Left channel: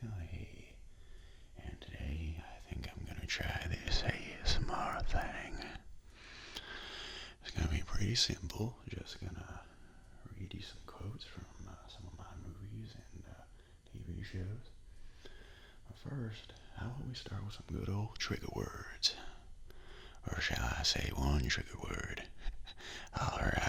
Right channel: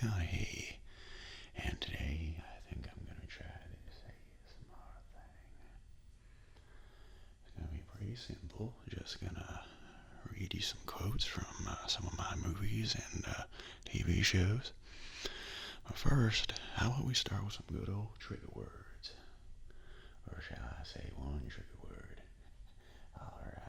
McConaughey, and today I think I'm going to try this ASMR thing. It's going to be pretty simple, just going to read you some quotes from some of my movies and TV shows. But first, how about we start with some good old trigger words? Or shall I say one trigger word? Alright.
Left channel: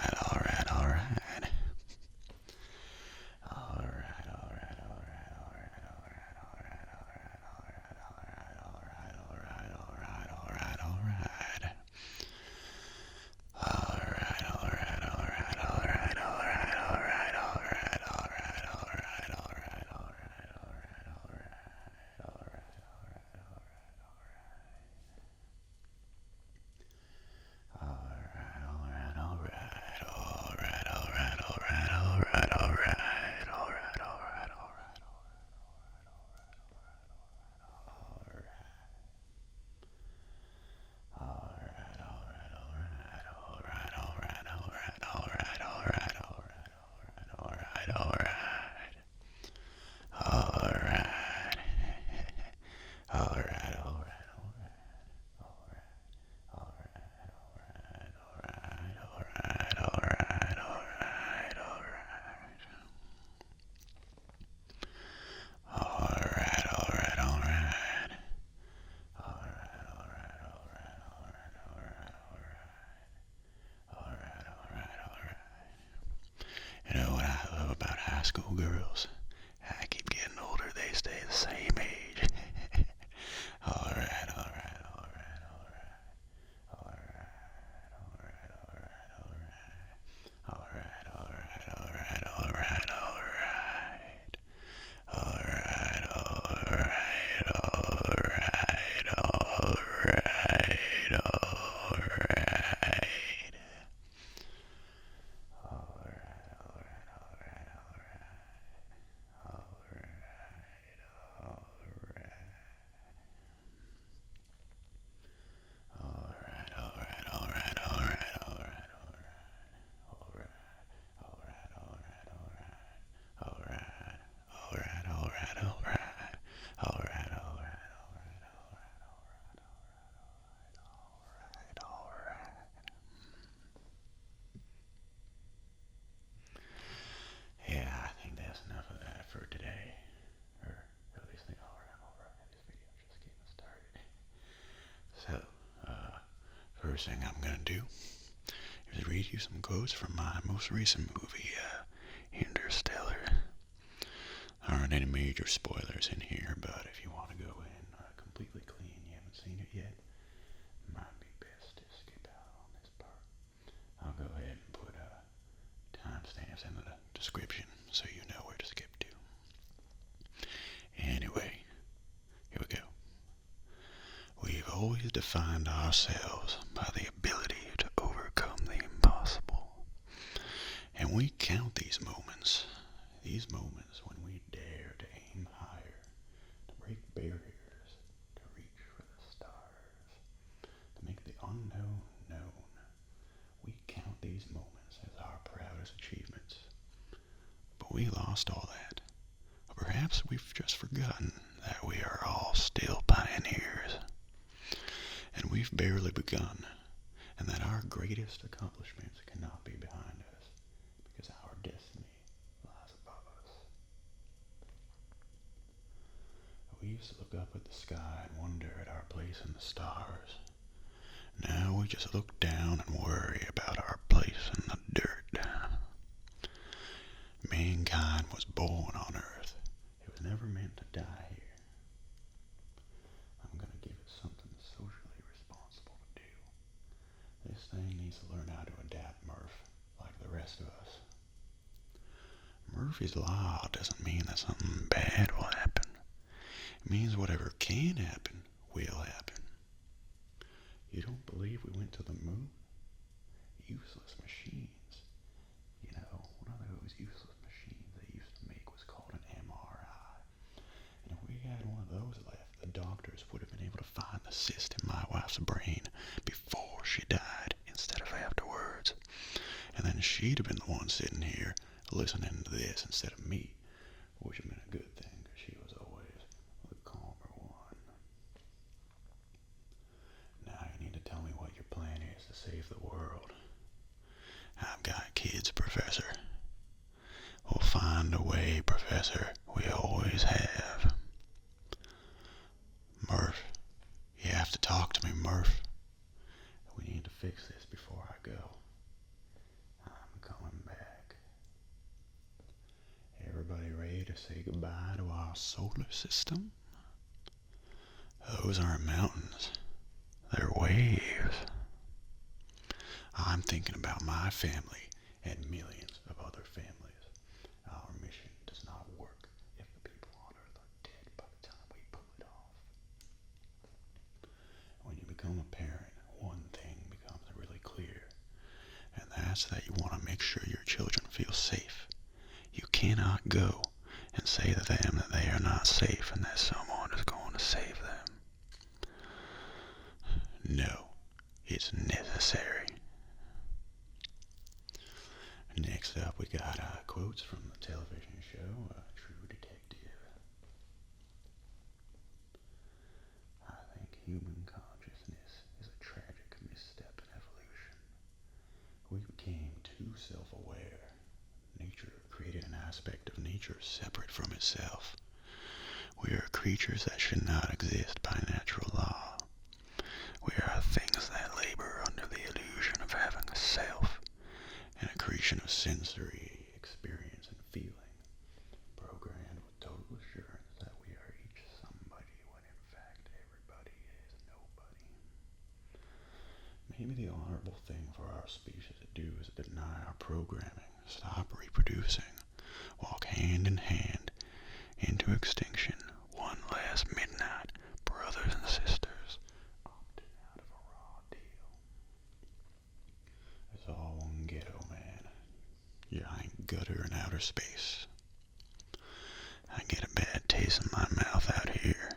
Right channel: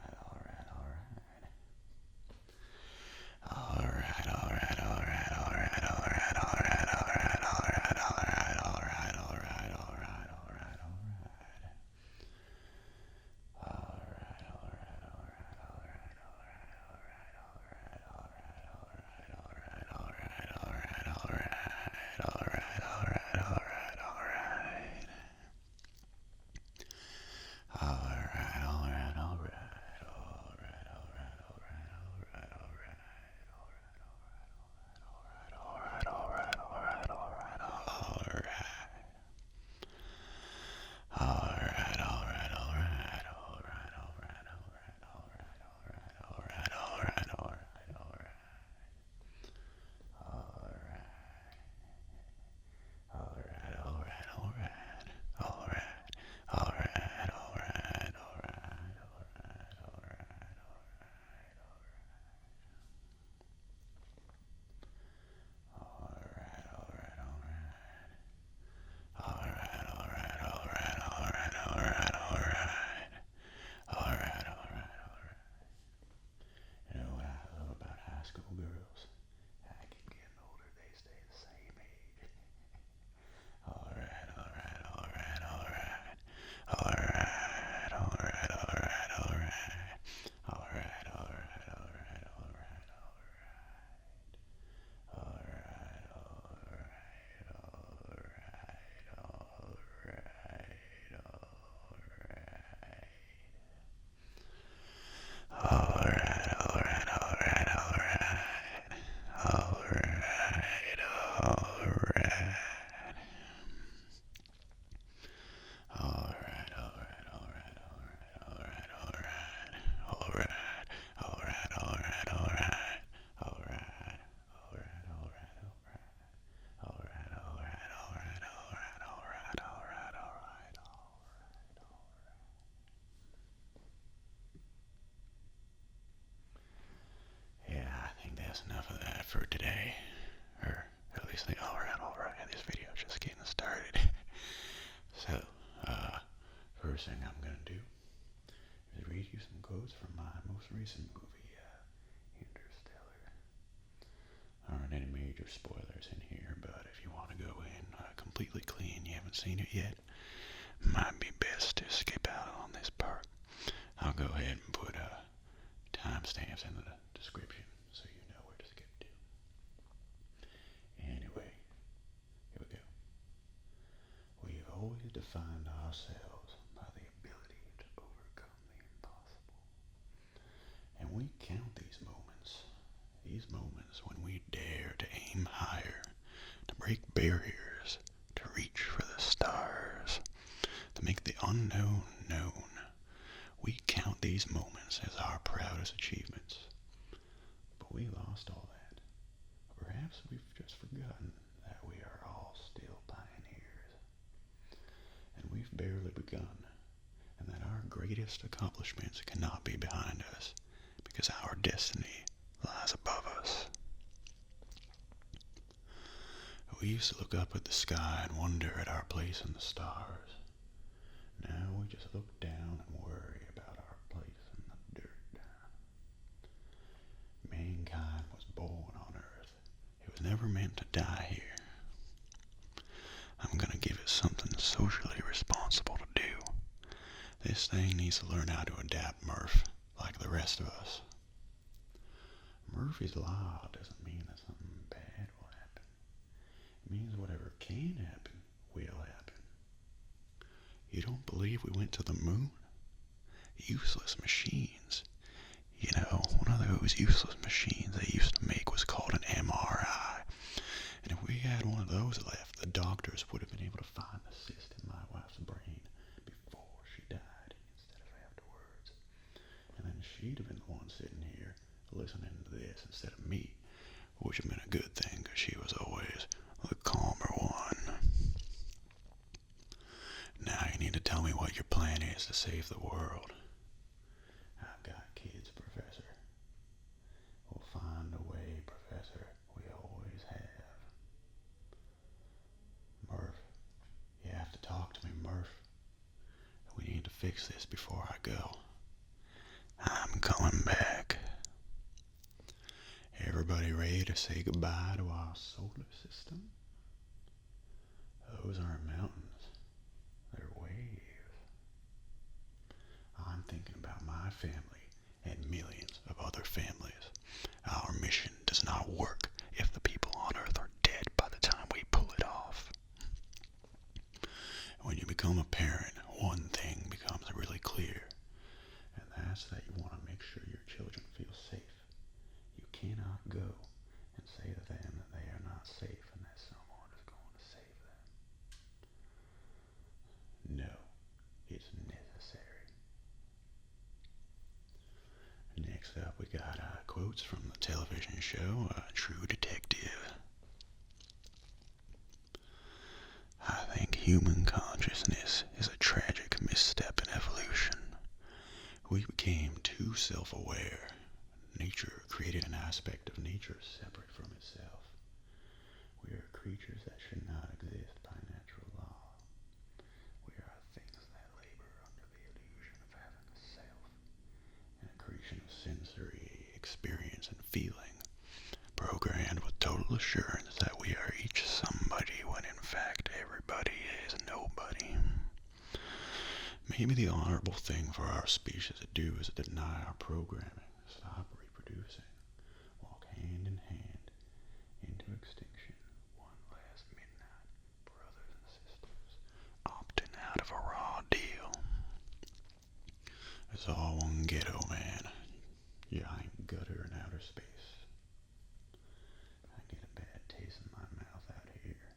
School girls. I keep getting older, they stay the same age. Alright. Enough of that for today, or at least alright, this video's just getting started. So, first thing I'm gonna do is read you some quotes from my most recent movie, Interstellar. There aren't any major spoilers in here, but if you want to go in completely clean, you haven't seen it yet, might be best to skip out on this part. I'll go ahead and put timestamps in the description so you know where to skip to. Anyway, here we go. We've always defined ourselves by the ability to overcome the impossible. And we count these moments when we dare to aim higher, to break barriers, to reach for the stars, to make the unknown known. We count these moments as our proudest achievements. But we lost all that. Or perhaps we've just forgotten that we are all still pioneers. And we've barely begun. And that our greatest accomplishments cannot be behind us. Because our destiny lies above us. We used to look up at the sky and wonder at our place in the stars. Now we just look down and worry about our place in the dirt. Mankind was born on Earth. It was never meant to die here. I'm gonna give it something socially responsible to do. This thing needs to learn how to adapt, Murph, like the rest of us. Murphy's Law doesn't mean that something bad will happen. It means whatever can happen will happen. You don't believe we went to the moon? Useless machines. You know, one of those useless machines they used to make was called an MRI. And if we had one of those left, the doctors would have been able to find the cyst in my wife's brain before she died instead of afterwards. And then she'd have been the one sitting here listening to this instead of me, which had been a good thing because she was always the calmer one. Now you need to tell me what your plan is to save the world. I've got kids, Professor. We'll find a way, Professor. We always have. Murph, you have to talk to me, Murph. We need to fix this before I go. I'm coming back. Everybody ready to say goodbye to our solar system? Those aren't mountains. They're waves. I'm thinking about my family and millions of other families. Our mission does not work if the people on Earth are dead by the time we pull it off. When you become a parent, one thing becomes really clear, and that's that you want to make sure your children feel safe. You cannot go and say to them that they are not safe and that someone is going to save them. No, it's necessary. Next up, we got quotes from the television show True Detective. I think human consciousness is a tragic misstep in evolution. We became too self-aware. Nature created an aspect of nature separate from itself. We are creatures that should not exist by natural law. We are things that labor under the illusion of having a self, an accretion of sensory experience and feeling, programmed with total assurance that we are each somebody when in fact everybody is nobody. Maybe the honorable thing for our species to do is to deny our programming, stop reproducing, walk hand in hand into extinction, one last midnight, brothers and sisters, opting out of a raw deal. It's all one ghetto, man. Giant gutter in outer space. I get a bad taste in my mouth out here.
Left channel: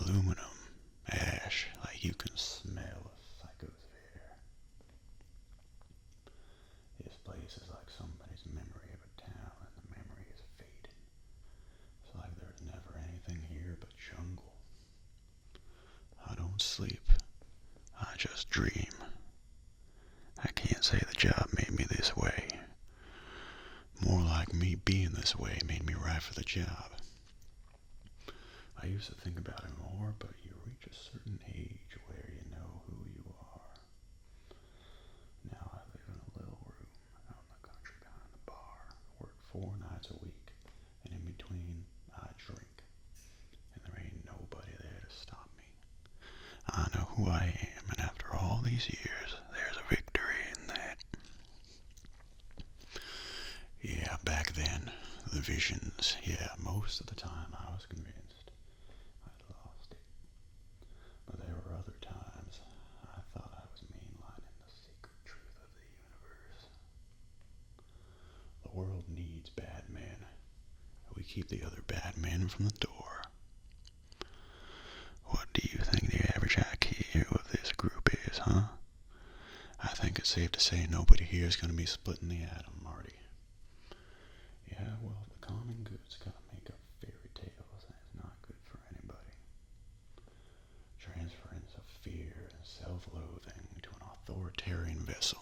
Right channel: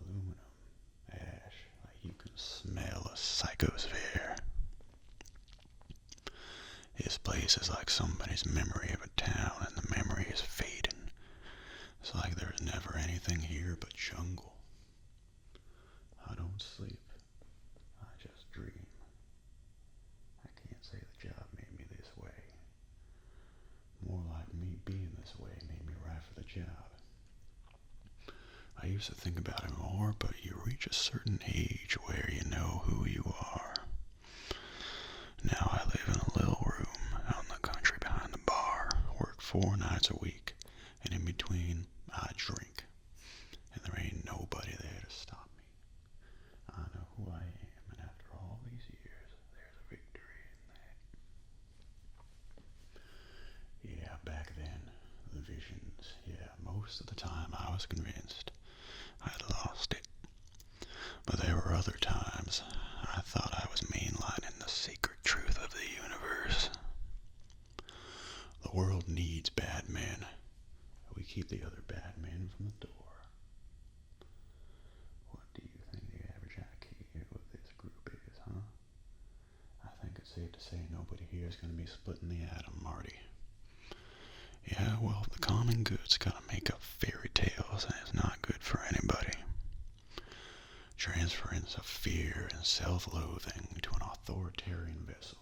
Aluminum, ash, like you can smell a psychosphere. This place is like somebody's memory of a town, and the memory is fading. It's like there's never anything here but jungle. I don't sleep. I just dream. I can't say the job made me this way. More like me being this way made me right for the job. I used to think about it more, but you reach a certain age where you know who you are. Now I live in a little room out in the country behind the bar, work 4 nights a week, and in between I drink. And there ain't nobody there to stop me. I know who I am, and after all these years, there's a victory in that. Yeah, back then, the visions, most of the time I was convinced I'd lost it. But there were other times I thought I was mainlining the secret truth of the universe. The world needs bad men. We keep the other bad men from the door. What do you think the average IQ of this group is, huh? I think it's safe to say nobody here is going to be splitting the atom, Marty. Yeah, well, the common good's got to make up fairy tales, and it's not good for anybody. Transference of fear and self-loathing to an authoritarian vessel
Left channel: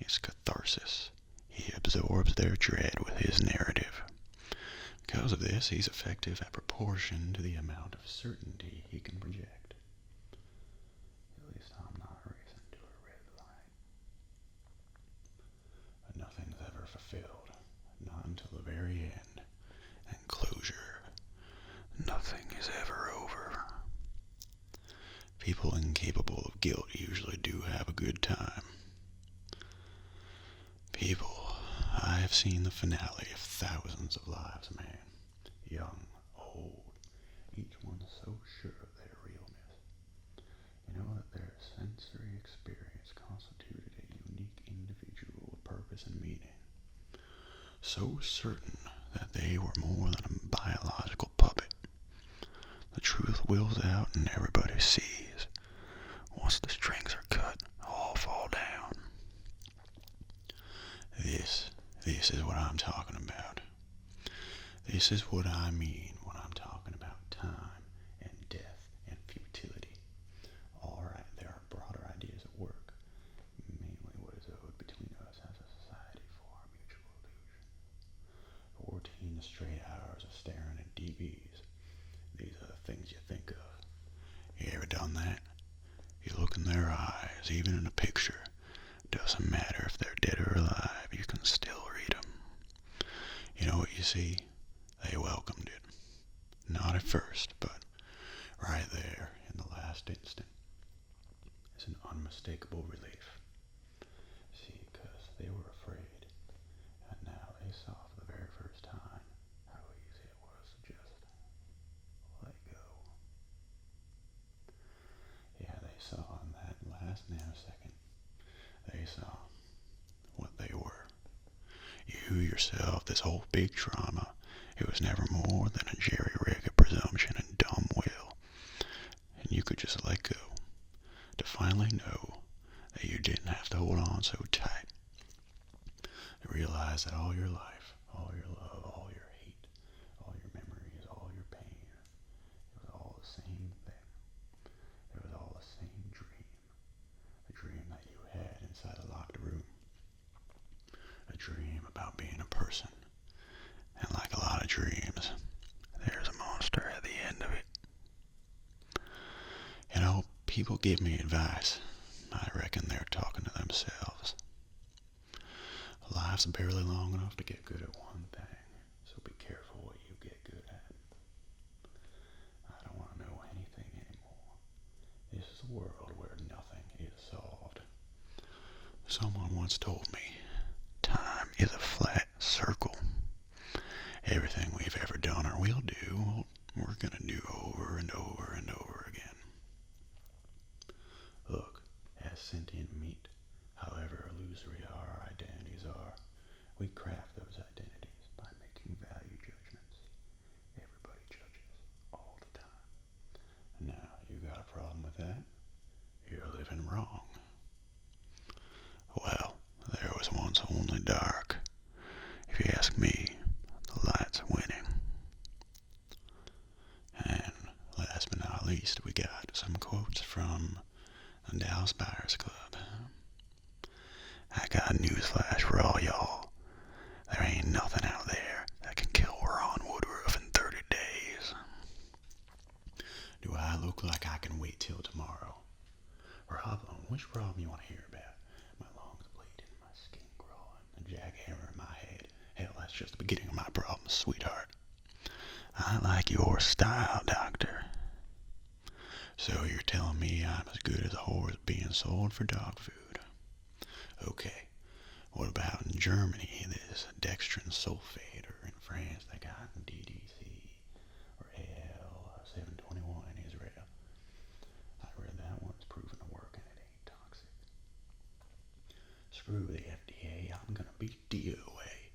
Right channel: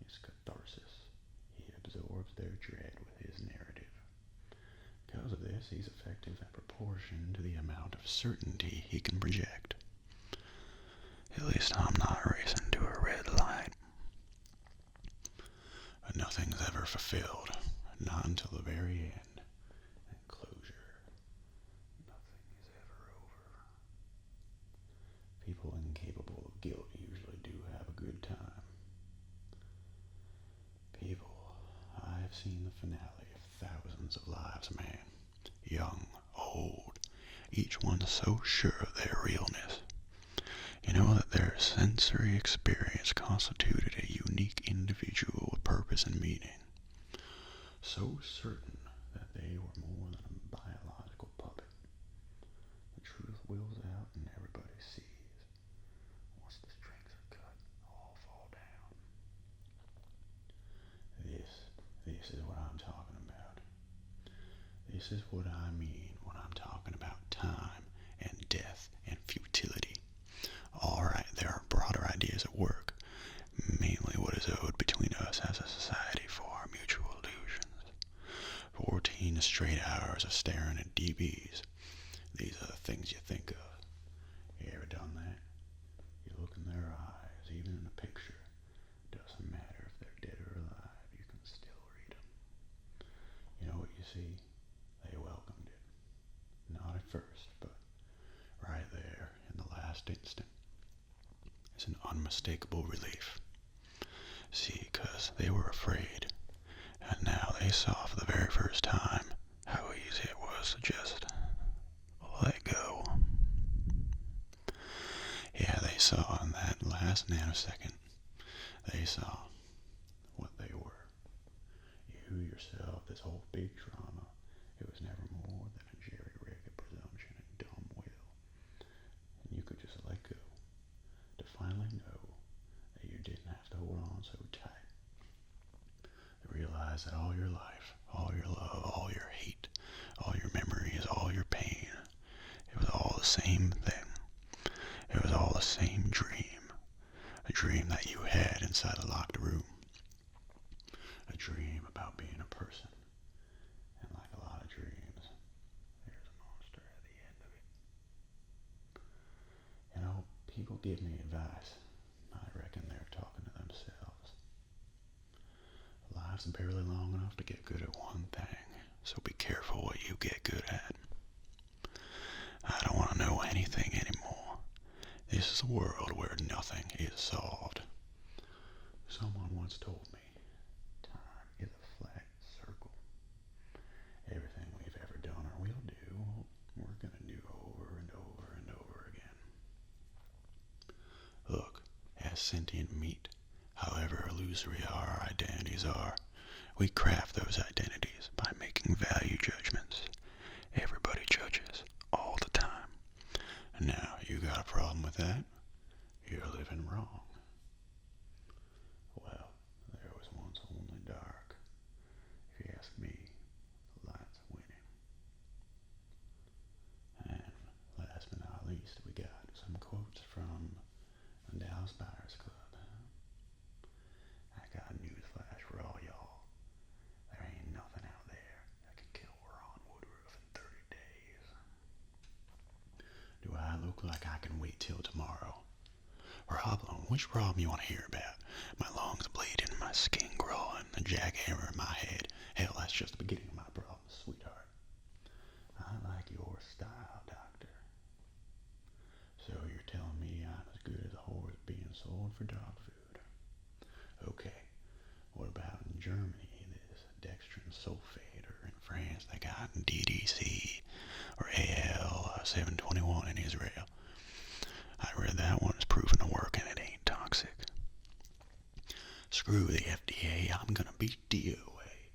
is catharsis. He absorbs their dread with his narrative. Because of this, he's effective at proportion to the amount of certainty he can project. At least I'm not racing to a red light. But nothing's ever fulfilled, not until the very end, and closure. Nothing is ever over. People incapable of guilt usually do have a good time. People, I have seen the finale of thousands of lives, man. Young, old, each one so sure of their realness. You know that their sensory experience constituted a unique individual with purpose and meaning. So certain that they were more than a biological puppet. The truth wills out and everybody sees. Once the strings are cut, all fall down. This is what I'm talking about. This is what I mean when I'm talking about time and death and futility. Alright, there are broader ideas at work, mainly what is owed between us as a society for our mutual illusions. 14 straight hours of staring at DBs. These are the things you think of. You ever done that? You look in their eyes, even in a picture. Doesn't matter if they're dead or alive, you can still read them. You know what you see? They welcomed it. Not at first, but right there in the last instant. It's an unmistakable relief. See, 'cause they were afraid, and now they saw for the very first time how easy it was to just let go. Yeah, they saw in that last nanosecond, they saw what they were. You yourself, this whole big trauma, it was never more than a jerry-rigged presumption and dumb will. And you could just let go, to finally know that you didn't have to hold on so tight. To realize that all your life, all your love, all your hate, all your memories, all your pain, it was all the same thing. It was all the same dream. A dream that you had inside a locked room. A dream about being a person. And like a lot of dreams, there's a monster at the end of it. You know, people give me advice. I reckon they're talking to themselves. Life's barely long enough to get good at one thing, so be careful what you get good at. I don't want to know anything anymore. This is a world where nothing is solved. Someone once told me, time is a flat circle. Everything we've ever done or will do, we're gonna do over and over and over again. Look, as sentient meat, however illusory our identities are, we craft those identities by making value judgments. Everybody judges, all the time. Now, you got a problem with that? You're living wrong. Well, there was once only dark. If you ask me, the light's winning. And last but not least, we got some quotes from the Dallas Buyers Club. I got a newsflash for all y'all. There ain't nothing out there that can kill Ron Woodruff in 30 days. Do I look like I can wait till tomorrow? Problem? Which problem you want to hear about? My lungs bleeding, my skin growing, a jackhammer in my head. Hell, that's just the beginning of my problems, sweetheart. I like your style, doctor. So you're telling me I'm as good as a horse being sold for dog food? Okay, what about in Germany, this dextrin sulfate, or in France they got DDC, or AL721 in Israel? I read that one is proven to work and it ain't toxic. Screw the FDA, I'm gonna beat DOA.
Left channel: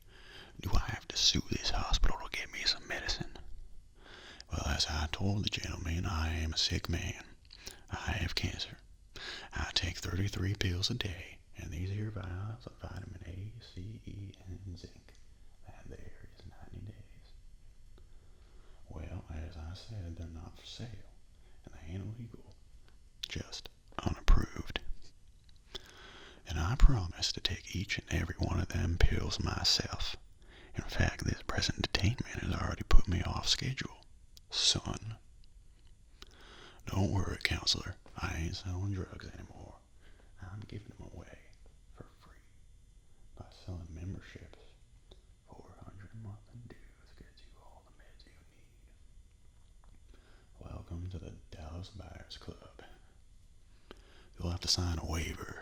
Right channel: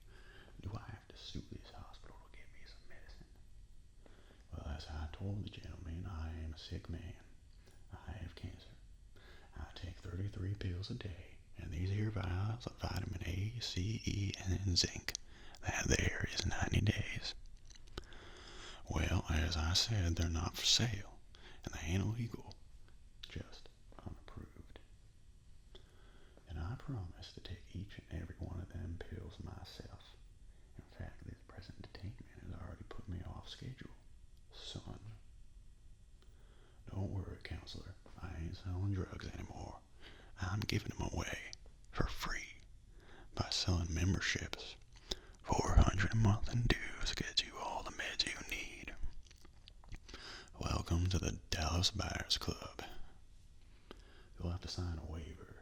Do I have to sue this hospital to get me some medicine? Well, as I told the gentleman, I am a sick man. I have cancer. I take 33 pills a day, and these here vials of vitamin A, C, E, and zinc. That there is 90 days. Well, as I said, they're not for sale, and they ain't illegal, just unapproved. And I promise to take each and every one of them pills myself. In fact, this present detainment has already put me off schedule, son. Don't worry, counselor. I ain't selling drugs anymore. I'm giving them away for free by selling memberships. $400 a month in dues gets you all the meds you need. Welcome to the Dallas Buyers Club. You'll have to sign a waiver.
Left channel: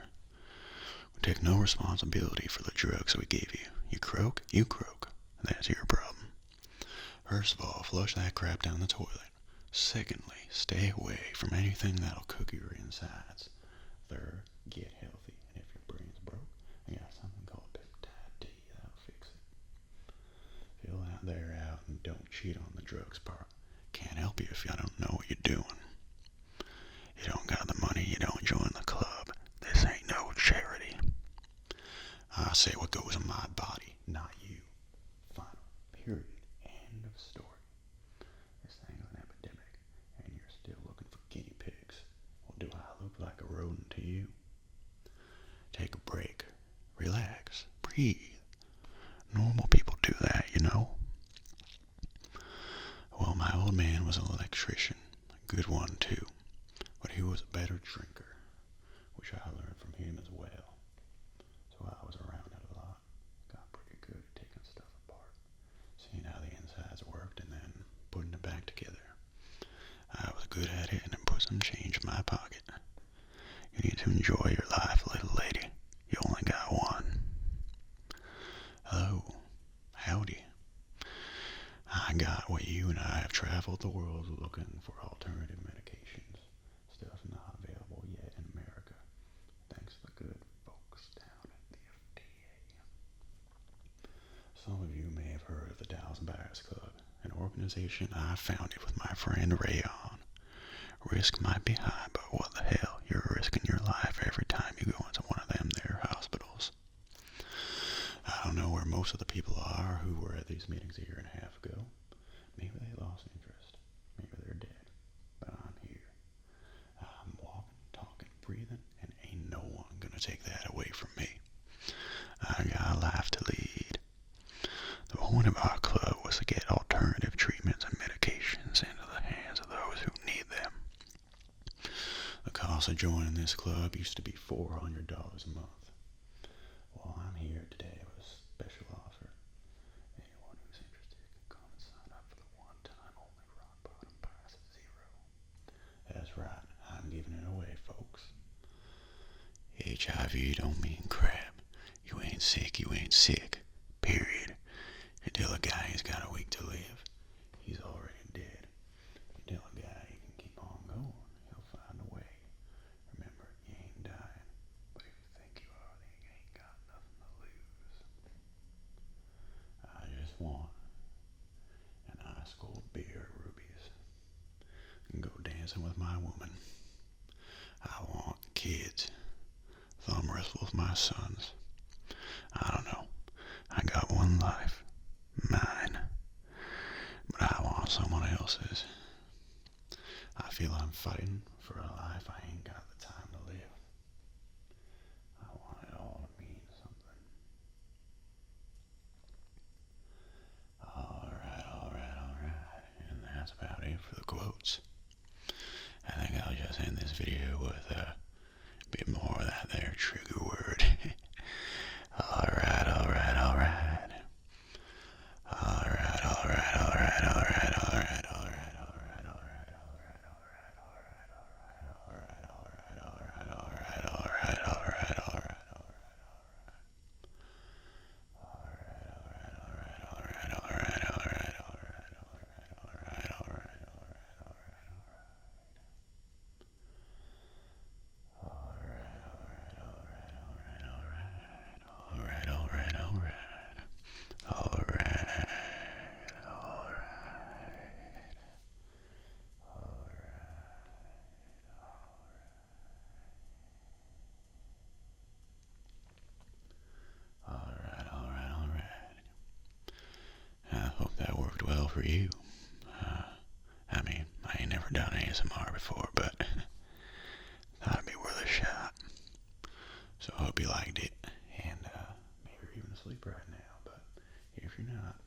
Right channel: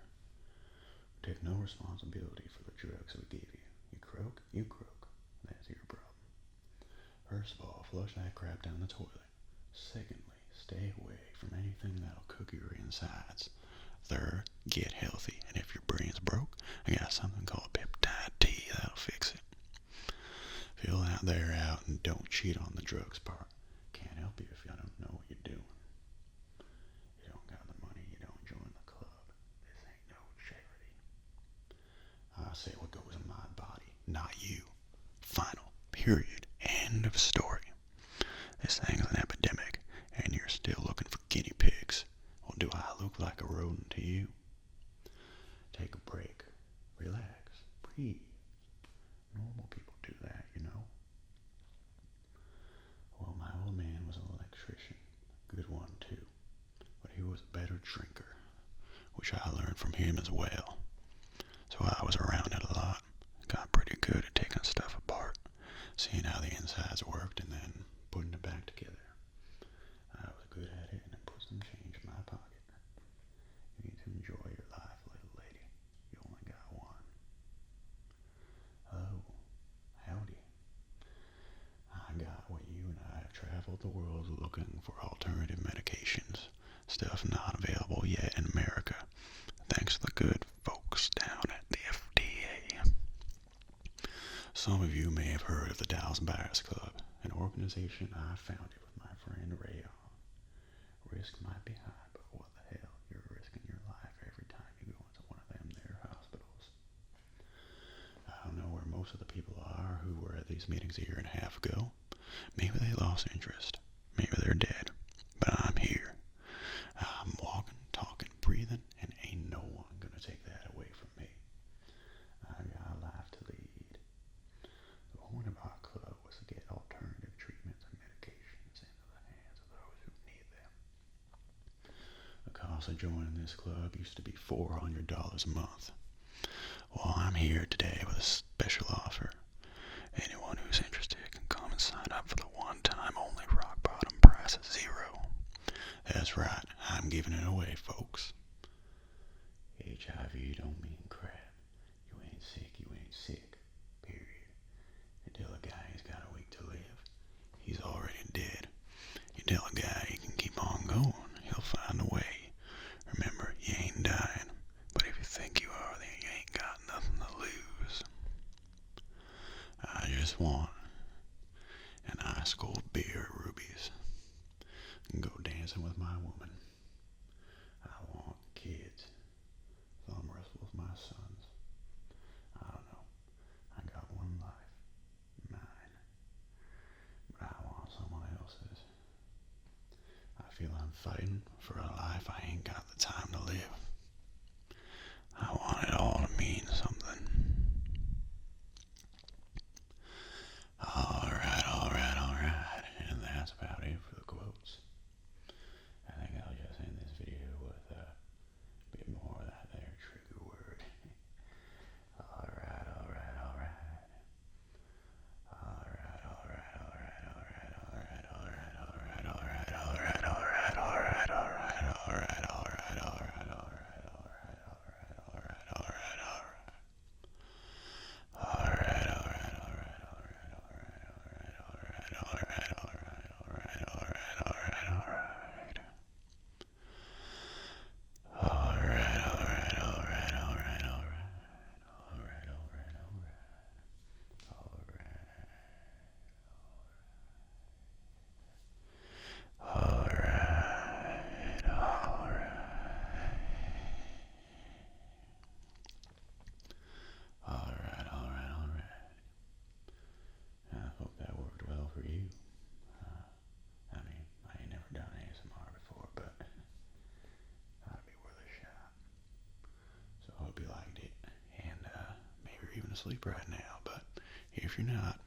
We take no responsibility for the drugs we gave you. You croak, you croak. That's your problem. First of all, flush that crap down the toilet. Secondly, stay away from anything that'll cook your insides. Third, get healthy. And if your brain's broke, I got something called peptide T that'll fix it. Fill that there out and don't cheat on the drugs part. Can't help you if you don't know what you're doing. You don't got the money, you don't join the club. This ain't no charity. I say what goes in my body, not you. Final, period, and End of story. This thing's an epidemic, and you're still looking for guinea pigs. Well, do I look like a rodent to you? Take a break. Relax. Breathe. Normal people do that, you know. Well, my old man was an electrician. A good one, too. But he was a better drinker, which I learned from him as well. So I was around it a lot. Got pretty good at taking stuff apart, seeing how the insides worked, and then putting it back together. I was good at it, and it put some change in my pocket. You need to enjoy your life, little lady. You only got one. Hello. Howdy. I got what you and I have traveled the world looking for alternative medications. Stuff not available yet in America, thanks to the good folks down at the FDA. Some of you may have heard of the Dallas Buyers Club, an organization I founded with my friend Rayon. Risk might be high, but what the hell, you're risking your life every time you go into one of them there hospitals. I don't know where most of the people are who were at these meetings a year and a half ago. Maybe they lost interest. Maybe they're dead. But I'm here. I'm walking, talking, breathing, and ain't no one gonna take that away from me. I got a life to lead. The point of our club was to get alternative treatments and medications into the hands of those who need them. The cost of joining this club used to be $400 a month. Well, I'm here today with a special offer. Anyone who's interested can come and sign up for the one-time only rock bottom price of $0. That's right, I'm giving it away, folks. HIV don't mean crap. You ain't sick, you ain't sick. Period. You tell a guy he's got a week to live, he's already dead. You tell a guy he can keep on going, he'll find a way. Remember, you ain't dying, but if you think you are, then you ain't got nothing to lose. I just want an ice cold beer at Ruby's and go dancing with my woman. I want kids, thumb wrestle with my sons. I don't know, I got one life, mine, but I want someone else's. I feel I'm fighting for a life I ain't got the time to live. I want it all to mean something. Alright. And that's about it for the quotes. I think I'll just end this video with a bit more of that there trigger word. Alright. For you. I mean, I ain't never done ASMR before, but thought it'd be worth a shot. So I hope you liked it, and maybe you're even asleep right now, but if you're not,